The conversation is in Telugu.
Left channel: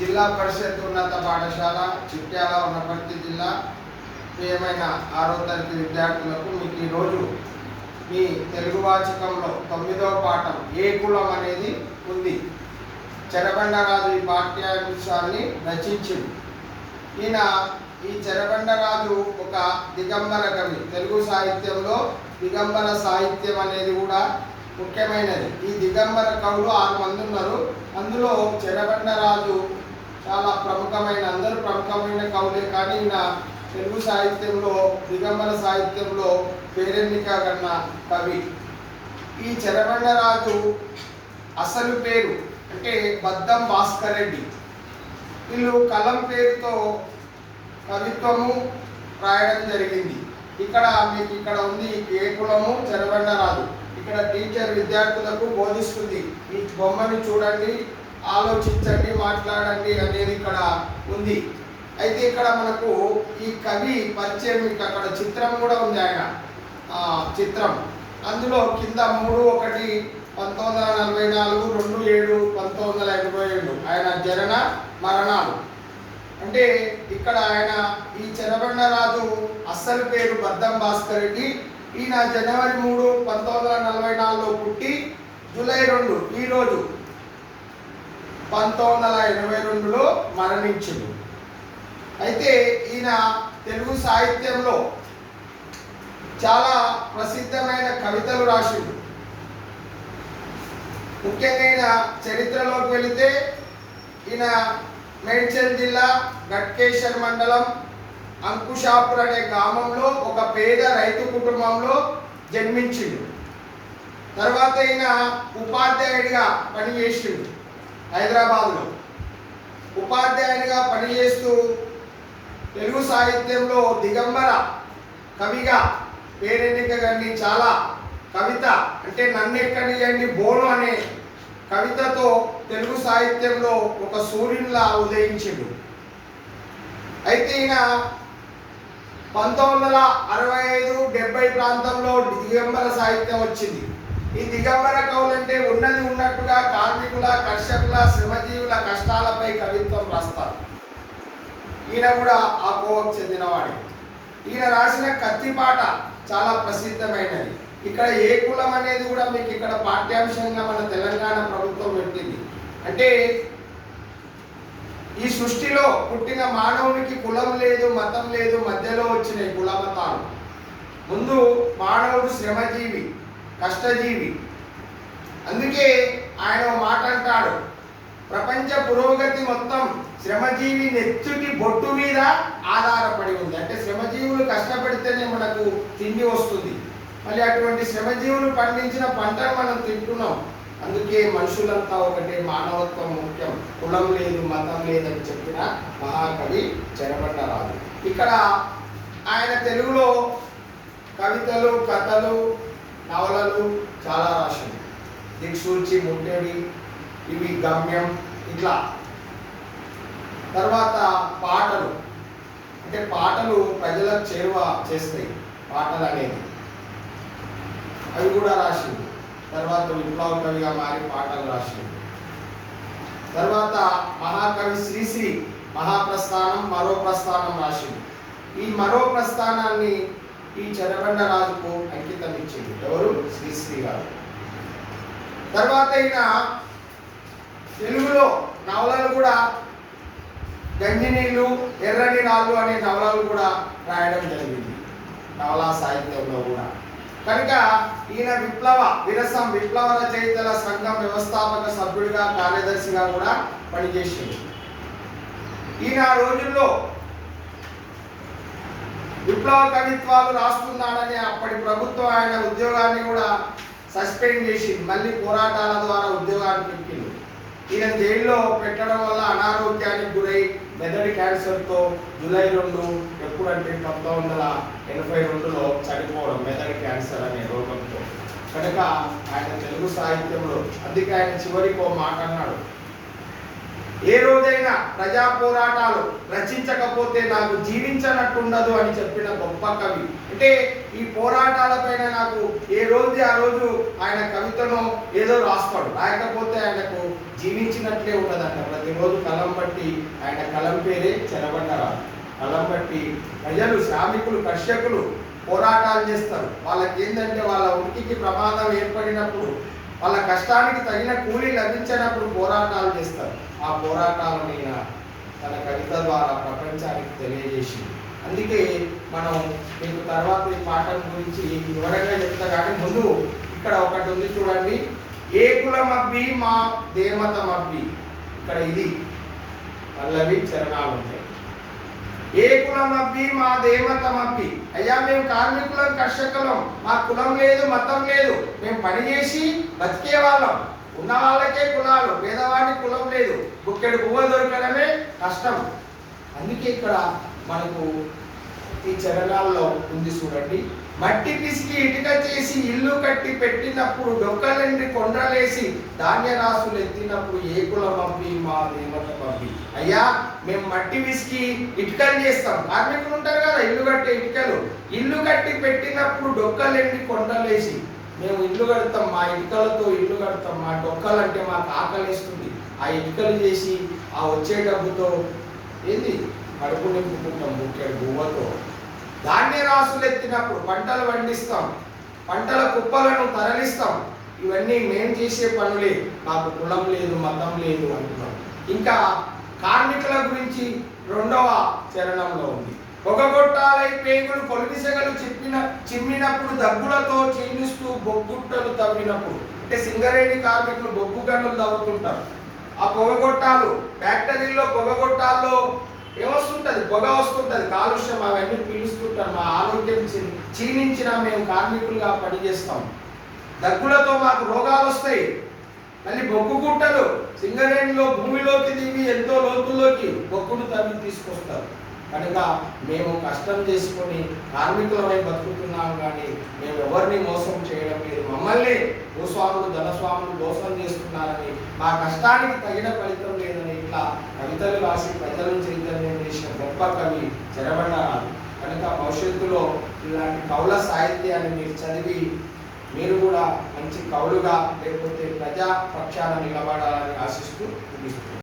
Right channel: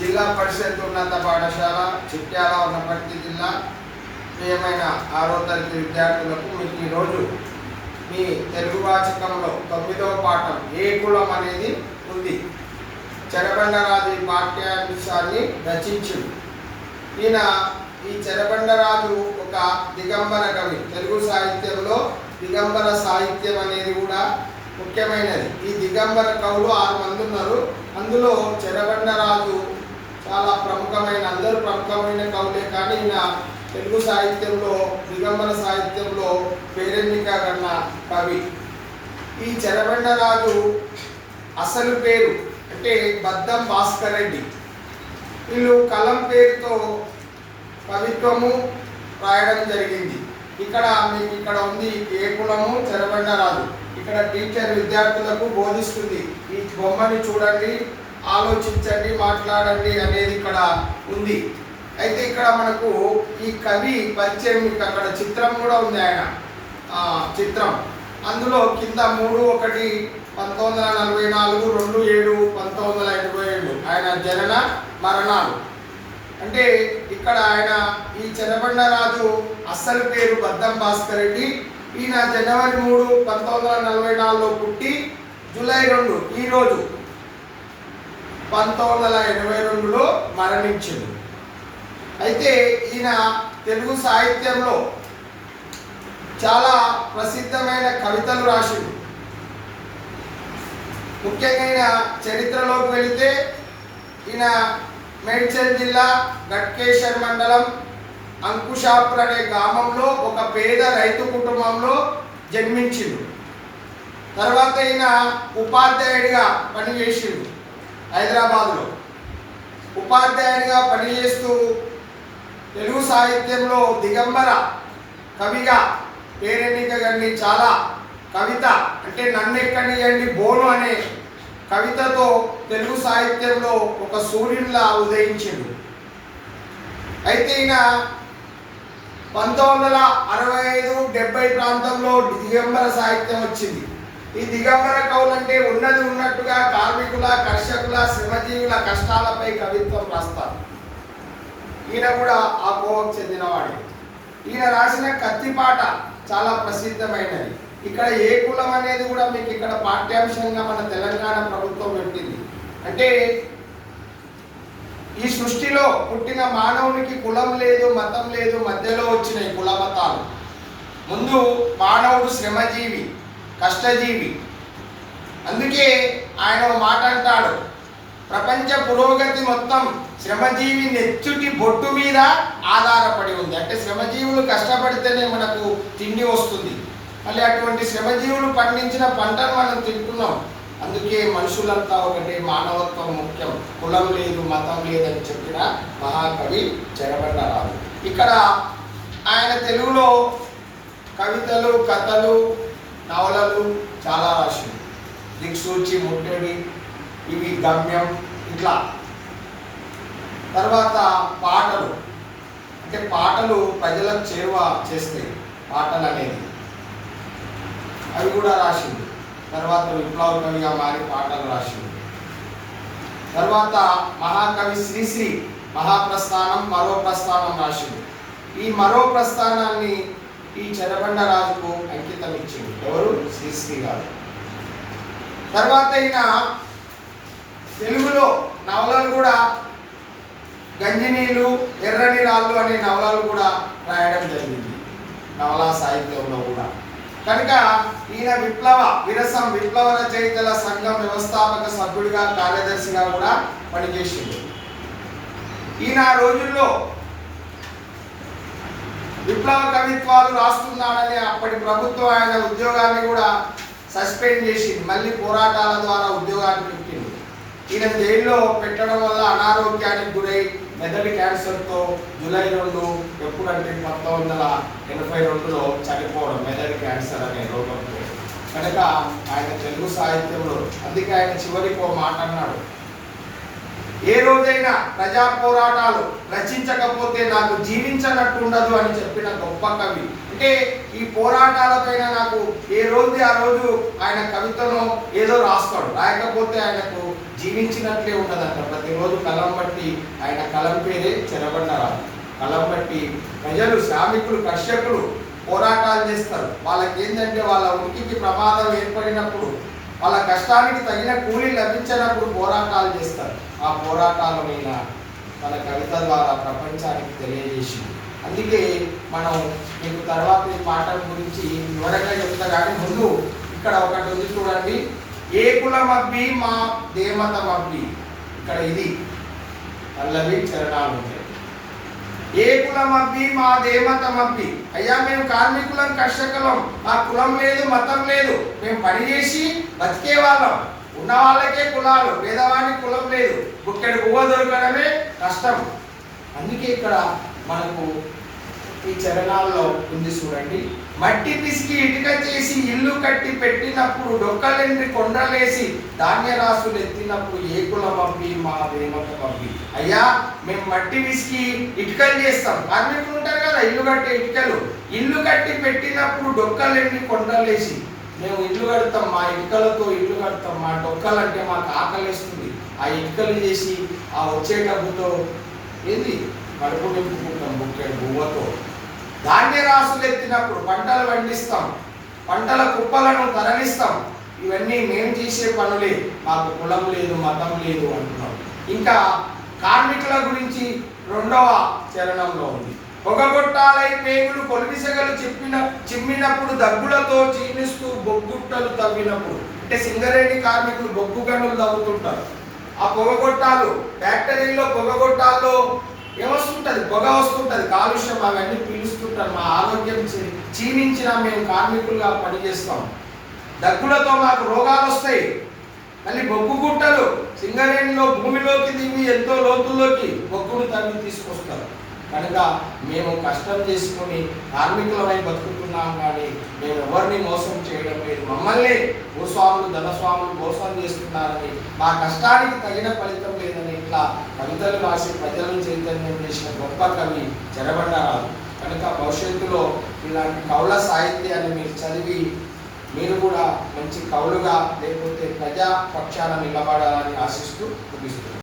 జిల్లా పరిషత్ ఉన్నత పాఠశాల చిట్యాల వనపర్తి జిల్లా ప్రియమైన 6వ తరగతి విద్యార్థులకు మీకు ఈరోజు మీ తెలుగు వాచకంలో 9వ పాఠం ఏ కులం అనేది ఉంది. చెరబండరాజు ఈ పాఠ్యాంశాన్ని రచించింది. ఈయన ఈ చెరబండరాజు ఒక దిగంబర కవి. తెలుగు సాహిత్యంలో దిగంబర సాహిత్యం అనేది కూడా ముఖ్యమైనది. ఈ దిగంబర కవులు 6 మంది ఉన్నారు. అందులో చెరబండరాజు చాలా ప్రముఖమైన, అందరూ ప్రముఖమైన కవులే, కానీ ఈయన తెలుగు సాహిత్యంలో దిగంబర సాహిత్యంలో పేరెన్నిక కన్న కవి. ఈ చెరబండరాజు అసలు పేరు అంటే బద్దం భాస్కర్ రెడ్డి. వీళ్ళు కలం పేరుతో కవిత్వము రాయడం జరిగింది. ఇక్కడ ఉంది ఏ కులము చెరబండరాజు. ఇక్కడ టీచర్ విద్యార్థులకు బోధిస్తుంది. ఈ బొమ్మని చూడండి, ఆలోచించండి, మాట్లాడండి అనేది ఇక్కడ ఉంది. అయితే ఇక్కడ మనకు ఈ కవి పరిచయం, అక్కడ చిత్రం కూడా ఉంది. ఆయన చిత్రం అందులో కింద 3/1 1944, 2/7 1987 ఆయన జనన మరణాలు. అంటే ఇక్కడ ఆయన ఈ చెరబండరాజు అస్సలు పేరు బద్దం భాస్కర్ రెడ్డి. ఈయన జనవరి 3, 1944లో పుట్టి జూలై 2 ఈరోజు 1982లో మరణించింది. అయితే ఈయన తెలుగు సాహిత్యంలో చాలా ప్రసిద్ధమైన కవితలు రాసిండు. ముఖ్యంగా ఈయన చరిత్రలోకి వెళితే ఈయన మేడ్చల్ జిల్లా గట్కేశ్వర్ మండలం అంకుషాపూర్ అనే గ్రామంలో ఒక పేద రైతు కుటుంబంలో జన్మించిండు. తర్వాత ఈయన ఉపాధ్యాయుడిగా పనిచేసిండు. హైదరాబాద్లో ఉపాధ్యాయుడిగా పనిచేస్తూ తెలుగు సాహిత్యంలో దిగంబర కవిగా పేరెన్నిక గన్ని చాలా కవిత అంటే నన్నెక్కడియండి బోను అనే కవితతో తెలుగు సాహిత్యంలో ఒక సూర్యునిలా ఉదయించిండు. అయితే ఈయన 1965, 70 ప్రాంతంలో దిగంబర సాహిత్యం వచ్చింది. ఈ దిగంబర కవులంటే ఉన్నది ఉన్నట్టుగా కార్మికుల, కర్షకుల, శ్రమజీవుల కష్టాలపై కవిత్వం రాస్తారు. ఈయన కూడా ఆ కోవకు చెందినవాడే. ఈయన రాసిన కత్తిపాట చాలా ప్రసిద్ధమైనది. ఇక్కడ ఏ కులం అనేది కూడా మీకు ఇక్కడ పాఠ్యాంశంగా మన తెలంగాణ ప్రభుత్వం పెట్టింది. అంటే ఈ సృష్టిలో పుట్టిన మానవునికి కులం లేదు, మతం లేదు, మధ్యలో వచ్చినాయి కుల మతాలు. ముందు మానవుడు శ్రమజీవి, కష్టజీవి. అందుకే ఆయన మాట అంటాడు, ప్రపంచ పురోగతి మొత్తం శ్రమజీవి నెచ్చుటి బొట్టు మీద ఆధారపడి ఉంది. అంటే శ్రమజీవులు కష్టపడితేనే మనకు తిండి వస్తుంది. మళ్ళీ అటువంటి శ్రమజీవులు పండించిన పంటను మనం తింటున్నాం. అందుకే మనుషులంతా ఒకటే, మానవత్వం ముఖ్యం, కులం లేదు, మతం లేదని చెప్పిన మహాకవి చెరబండరాజు. ఇక్కడ ఆయన తెలుగులో కవితలు, కథలు, నవలలు చాలా రాసింది. దిక్సూచి, ముట్టడి, ఇవి గమ్యం, ఇట్లా. తర్వాత పాటలు, అంటే పాటలు ప్రజలకు చేరువ చేస్తాయి పాటలు అనేది, అవి కూడా రాసింది. తర్వాత విప్లవ కవిగా మారి పాటలు రాసింది. తర్వాత మహాకవి శ్రీశ్రీ మహాప్రస్థానం, మరో ప్రస్థానం రాసింది. ఈ మరో ప్రస్థానాన్ని ఈ చెరబండరాజుకు అంకితం ఇచ్చింది. ఎవరు? శ్రీశ్రీ గారు. తర్వాత ఈయన తెలుగులో నవలలు కూడా గంజినీళ్ళు, ఎర్రని రాళ్ళు అనే నవలలు కూడా రాయడం జరిగింది నవలా సాహిత్యంలో కూడా. కనుక ఈయన విప్లవ రచయితల సంఘం వ్యవస్థాపక సభ్యుడిగా, కార్యదర్శిగా కూడా పనిచేసింది. ఈయన ఆ రోజుల్లో విప్లవ కవిత్వాలు రాస్తున్నాడని అప్పటి ప్రభుత్వం ఆయన ఉద్యోగాన్ని కూడా సస్పెండ్ చేసింది. మళ్ళీ పోరాటాల ద్వారా ఉద్యోగానికి ఎక్కింది. ఈయన జైల్లో పెట్టడం వల్ల అనారోగ్యానికి గురై మెదడు క్యాన్సర్తో జూలై 2 ఎప్పుడంటే 1982లో చనిపోవడం, మెదడు క్యాన్సర్ అనే రోగంతో. కనుక ఆయన తెలుగు సాహిత్యంలో, అందుకే ఆయన చివరికి ఓ మాట అన్నాడు, ఏ రోజైనా ప్రజా పోరాటాలు రచించకపోతే నాకు జీవించనట్టుండదు అని చెప్పిన గొప్ప కవి. అంటే ఈ పోరాటాలపైన నాకు ఏ రోజు ఆ రోజు ఆయన కవితను ఏదో రాస్తాడు, రాయకపోతే ఆయనకు జీవించినట్లే ఉన్నదంట. ప్రతిరోజు కలం బట్టి ఆయన కలం పేరే చెరబండరాజు. కలం బట్టి ప్రజలు, శ్రామికులు, కర్షకులు పోరాటాలు చేస్తారు. వాళ్ళకి ఏంటంటే వాళ్ళ ఉనికికి ప్రమాదం ఏర్పడినప్పుడు, వాళ్ళ కష్టానికి తగిన కూలీ లభించినప్పుడు పోరాటాలు చేస్తారు. ఆ పోరాటాల మీద తన కవిత ద్వారా ప్రపంచానికి తెలియజేసింది. అందుకే మనం మీకు తర్వాత ఈ పాఠం గురించి వివరంగా చెప్తా. కానీ ముందు ఇక్కడ ఒకటి ఉంది చూడండి, ఏ కులమబ్బి మా దేమతమబ్బి. ఇక్కడ ఇది పల్లవి చరణాలు ఉంటాయి. ఏ కులమబ్బి మా దేమతమబ్బి. అయ్యా మేము కార్మికులం, కర్షకులం, మా కులం లేదు, మతం లేదు, మేము పని చేసి బతికే వాళ్ళం. ఉన్న వాళ్ళకే కులాలు, పేదవాడికి కులం లేదు, బుక్కెడు పువ్వ దొరకడమే కష్టం. అందుకే ఇక్కడ మనకు ఈ చరణాల్లో ఉంది చూడండి, మట్టి పిసికి ఇటుక చేసి ఇల్లు కట్టి పెట్టినప్పుడు, డొక్కలెండి కొండలేసి ధాన్య రాసులు ఎత్తినప్పుడు, ఏ కులం పంపి మా దేవత పంపి. అయ్యా మేము మట్టి పిసికి ఇటుకలు చేస్తాం, కార్మికులు ఉంటారు కదా ఇల్లు కట్టే ఇటుకలు, ఇల్లు కట్టి పెట్టినప్పుడు డొక్కలెండి కొండలేసి మేము ఇల్లు కడతాం, మా ఇటుకలతో ఇల్లు కడతాం, మా డొక్కలు అంటే మాకు ఆకలిస్తుంది, ఆ ఇటుకలు చేసి ఆ వచ్చే డబ్బుతో ఏంది కడుపు నింపుకుంటాం, బుక్కెడు పువ్వతో. ధాన్య రాసులు ఎత్తినప్పుడు పంటలు పండిస్తాం, పంటల కుప్పలను తరలిస్తాం. ఇవన్నీ మేము చేసే పనులే, మాకు కులం లేదు, మతం లేదు అంటున్నాం. ఇంకా కార్మికుల గురించి 2వ చరణంలో ఉంది, పొగగొట్టాలై పేగులు కొలిమిసెగలు చిమ్మినప్పుడు, దగ్గులతో చీనిస్తూ బొగ్గుట్టలు తవ్వినప్పుడు. అంటే సింగరేణి కార్మికులు బొగ్గు గనులు తవ్వుతుంటారు. ఆ పొగగొట్టాలు ఫ్యాక్టరీలో, పొగగొట్టాల్లో ఏమొస్తుంటుంది, పొగ వస్తుంటుంది, కాలుష్యం, అవన్నీ పీలుస్తుంటారు. మా ఆరోగ్యం క్షీణించిన మేము కార్మికులుగా పనిచేస్తాం. దగ్గులతో మాకు రోగాలు వస్తాయి. మళ్ళీ బొగ్గు గుట్టలు సింగరేణిలో భూమిలోకి దిగి ఎంతో లోతుల్లోకి బొగ్గును తవ్వి తీసుకొస్తారు. కనుక మేము కష్టం చేసుకొని కార్మికులమై బతుకుతున్నాం, కానీ మేము ఎవరిని మోసం చేయడం లేదు. మమ్మల్ని భూస్వాములు, ధనస్వాములు మోసం చేస్తున్నారని, మా కష్టానికి తగిన ఫలితం లేదని ఇట్లా కవితలు రాసి ప్రజలను చైతన్యం చేసిన గొప్ప కవి చెరబండరాజు. కనుక భవిష్యత్తులో ఇలాంటి కవుల సాహిత్యాన్ని మీరు చదివి మీరు కూడా మంచి కవులుగా, లేకపోతే ప్రజా పక్షాన నిలబడాలని ఆశిస్తూ ముగిస్తున్నాను.